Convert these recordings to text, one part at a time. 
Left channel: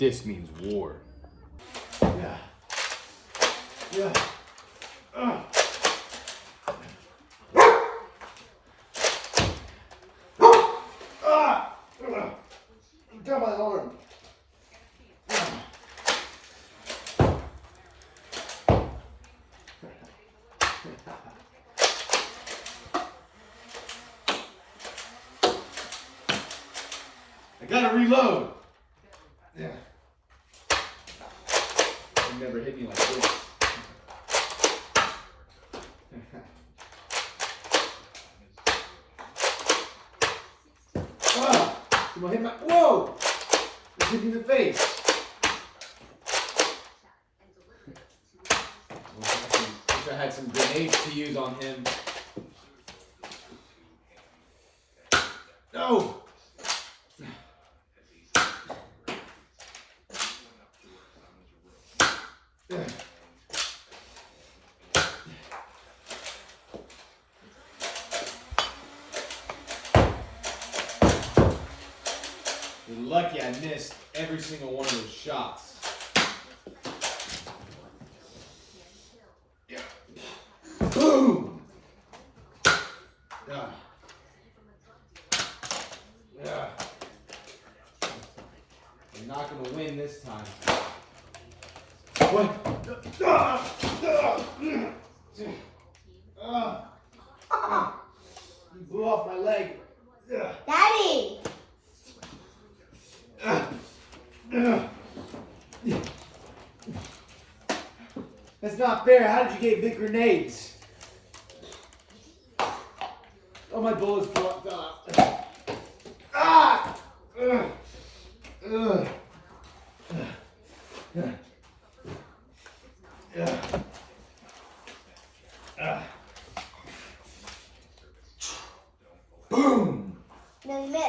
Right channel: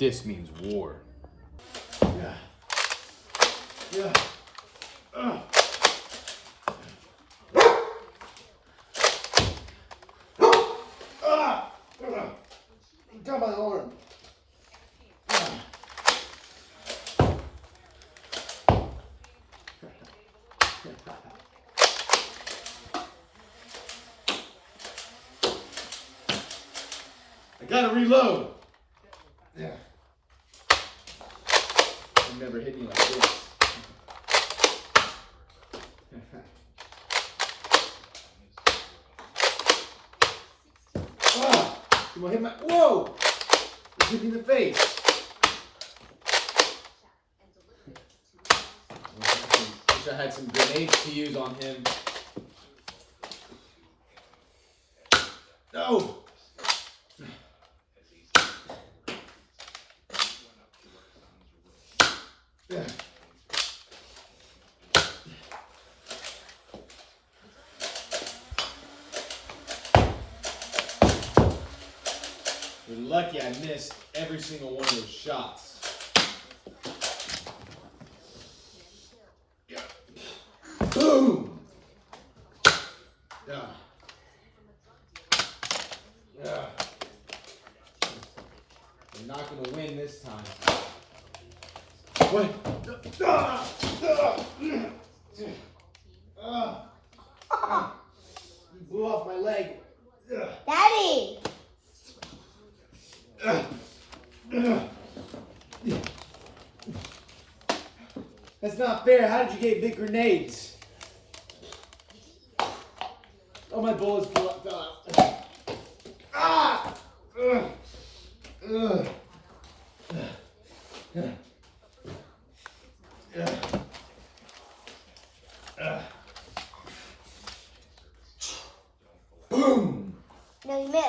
This means war. Yeah. Yeah. Got my arm. I gotta reload. Yeah. You never hit me like this. Wow. Someone hit my. Whoa! It hit me in the face. Wish I had some grenades to use on him. No! You're lucky I missed every single one of those shots. Boom! Yeah. Yeah. You're not gonna win this time. What? You blew off my leg. Daddy! That's not fair. How did you get big grenades? Oh, my bullets fell out. Ah! Boom! No, you missed.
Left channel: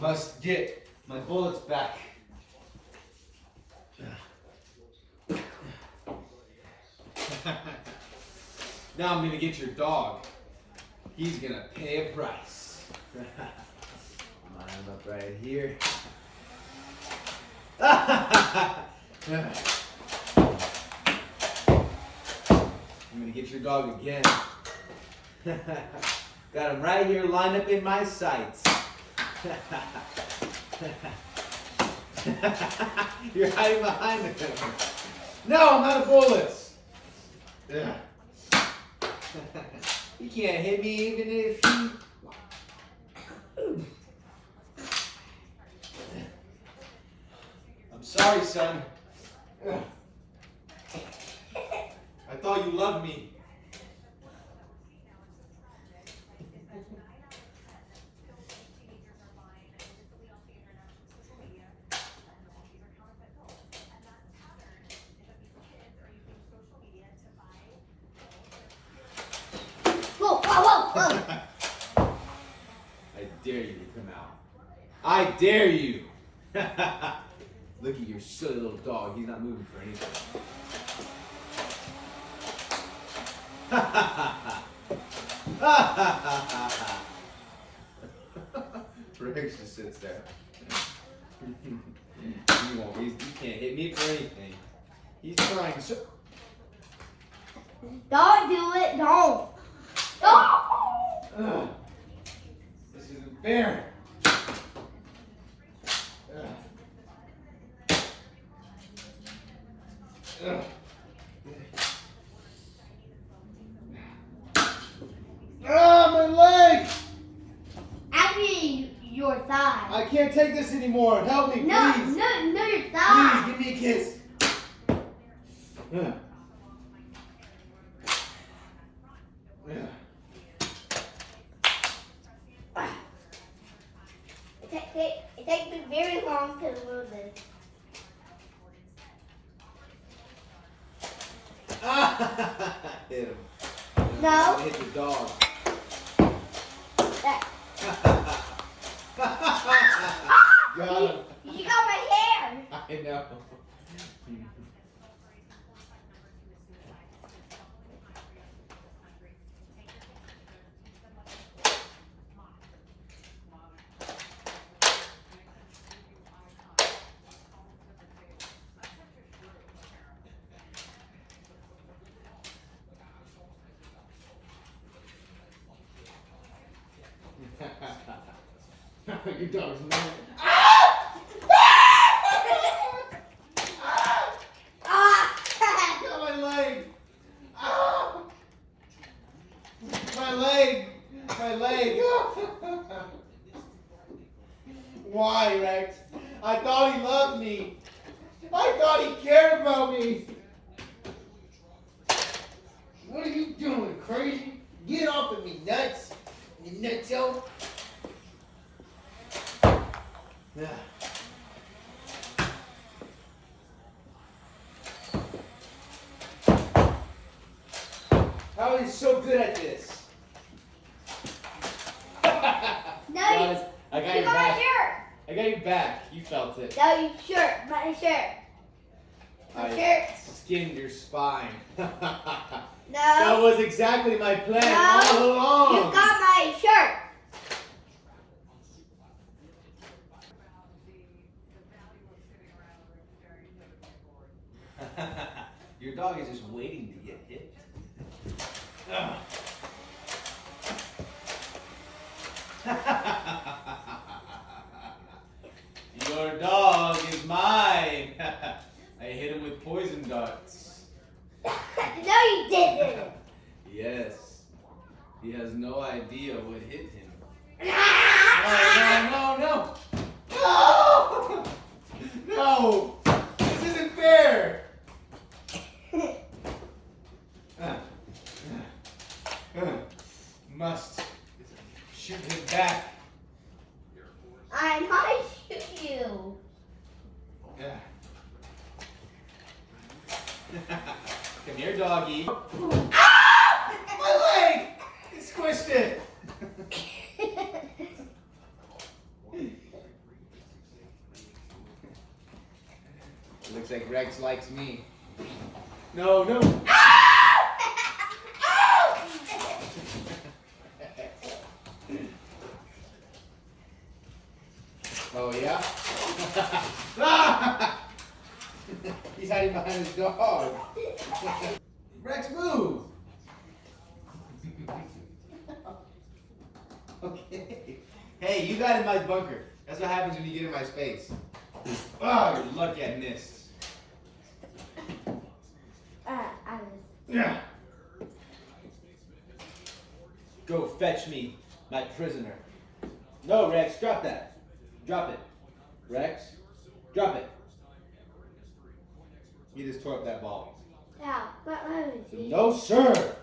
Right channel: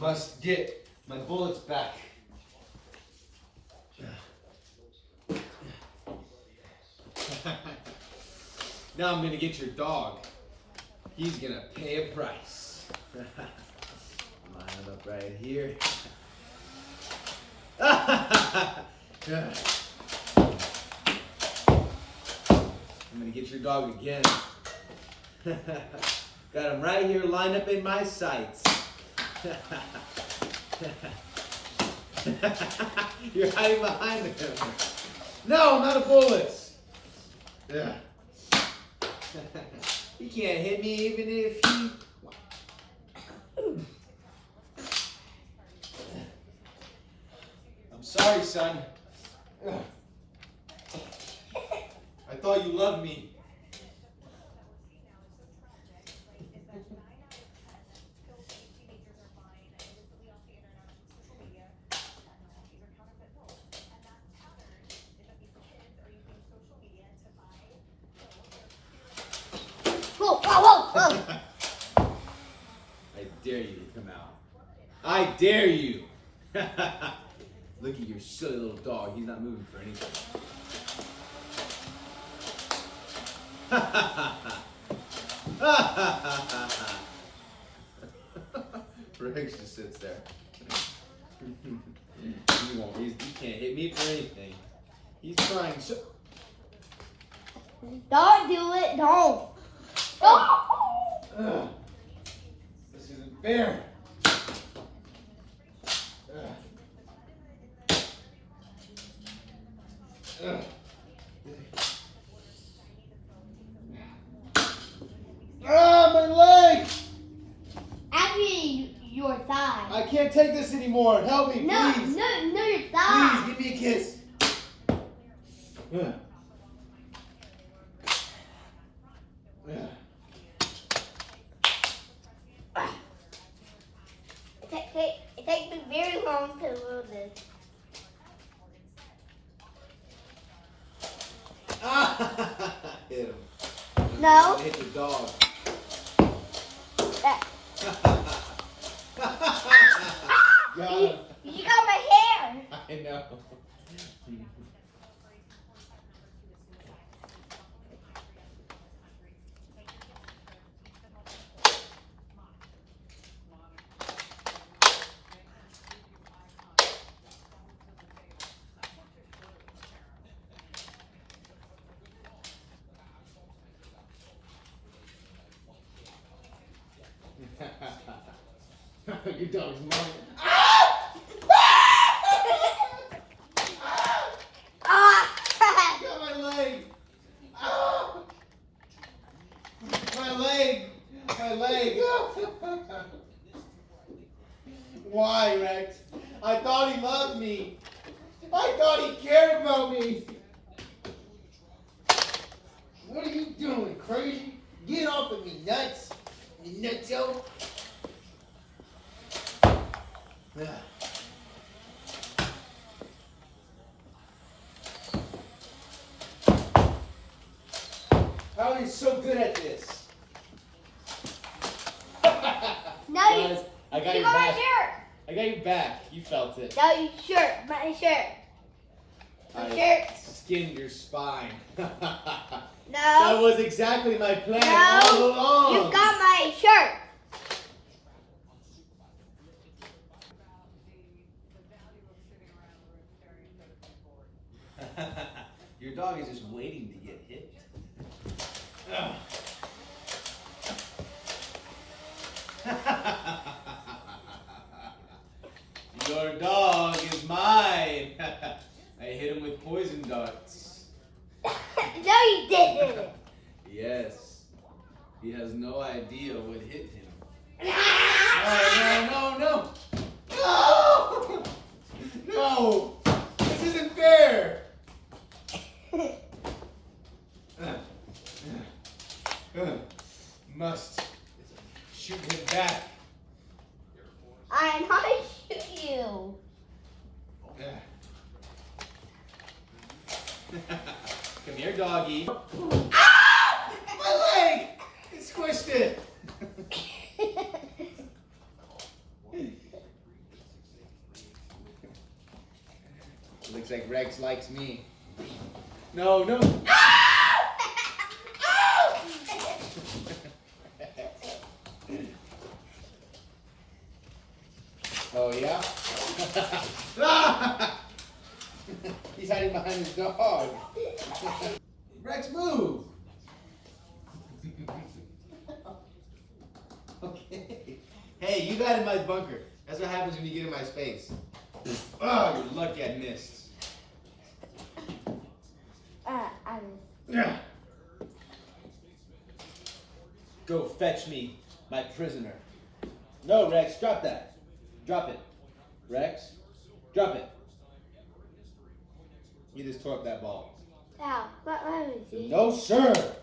Must get my bullets back. Now I'm gonna get your dog. He's gonna pay a price. Line him up right here. I'm gonna get your dog again. Got him right here lined up in my sights. You're hiding behind him. No, I'm out of bullets. Yeah. He can't hit me even if he... I'm sorry, son. I thought you loved me. Whoa, whoa, whoa, whoa. I dare you to come out. I dare you. Look at your silly little dog. He's not moving for anything. Rex just sits there. He won't. He can't hit me for anything. He's trying so. Don't do it, don't. Oh. This isn't fair. My leg! Actually, your thigh. I can't take this anymore. Help me, No, please. no, your thigh. Please, give me a kiss. It takes me very long to move this. Hit him. No. Hit the dog. Got him. You got my hair. I know. Your dog's mad. Got my leg. My leg. My leg. Why, Rex? I thought he loved me. I thought he cared about me. What are you doing, crazy? Get off of me, nuts. You nutso. How are you so good at this? No, Guys, I got your my back. shirt. I got your back. You felt it. No, your shirt. My shirt. My shirt. Skinned your spine. No. That was exactly my plan No. all along. You got my shirt. Your dog is just waiting to get hit. Ugh. Your dog is mine. I hit him with poison darts. No, you didn't. Yes. He has no idea what hit him. No, no, no, no. No! No! This isn't fair! Must shoot him back. I'm gonna shoot you. Come here, doggy. Ah! My leg! It squished it. Looks like Rex likes me. No, no. Oh, yeah? He's hiding behind his dog. Rex, move! Okay. Hey, you got in my bunker. That's what happens when you get in my space. Oh, you're lucky I missed. I missed. Yeah. Go fetch me my prisoner. No, Rex, drop that. Drop it. Rex, drop it. You just tore up that ball. Ow, what was it? No, sir.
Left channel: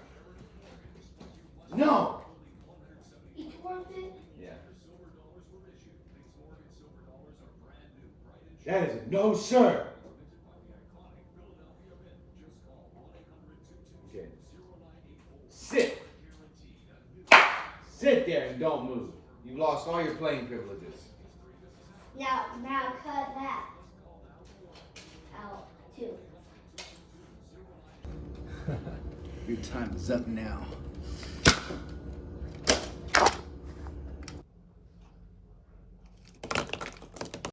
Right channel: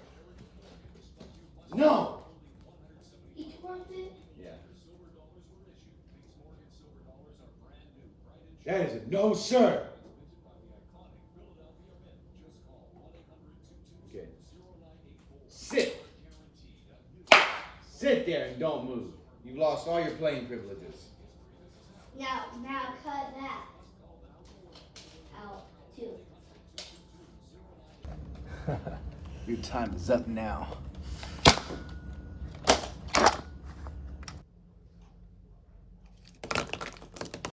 No. You tore up it? Yeah. That is a no, sir. Okay. Sit. Sit there and don't move. You've lost all your playing privileges. Now cut that out too. Your time is up now.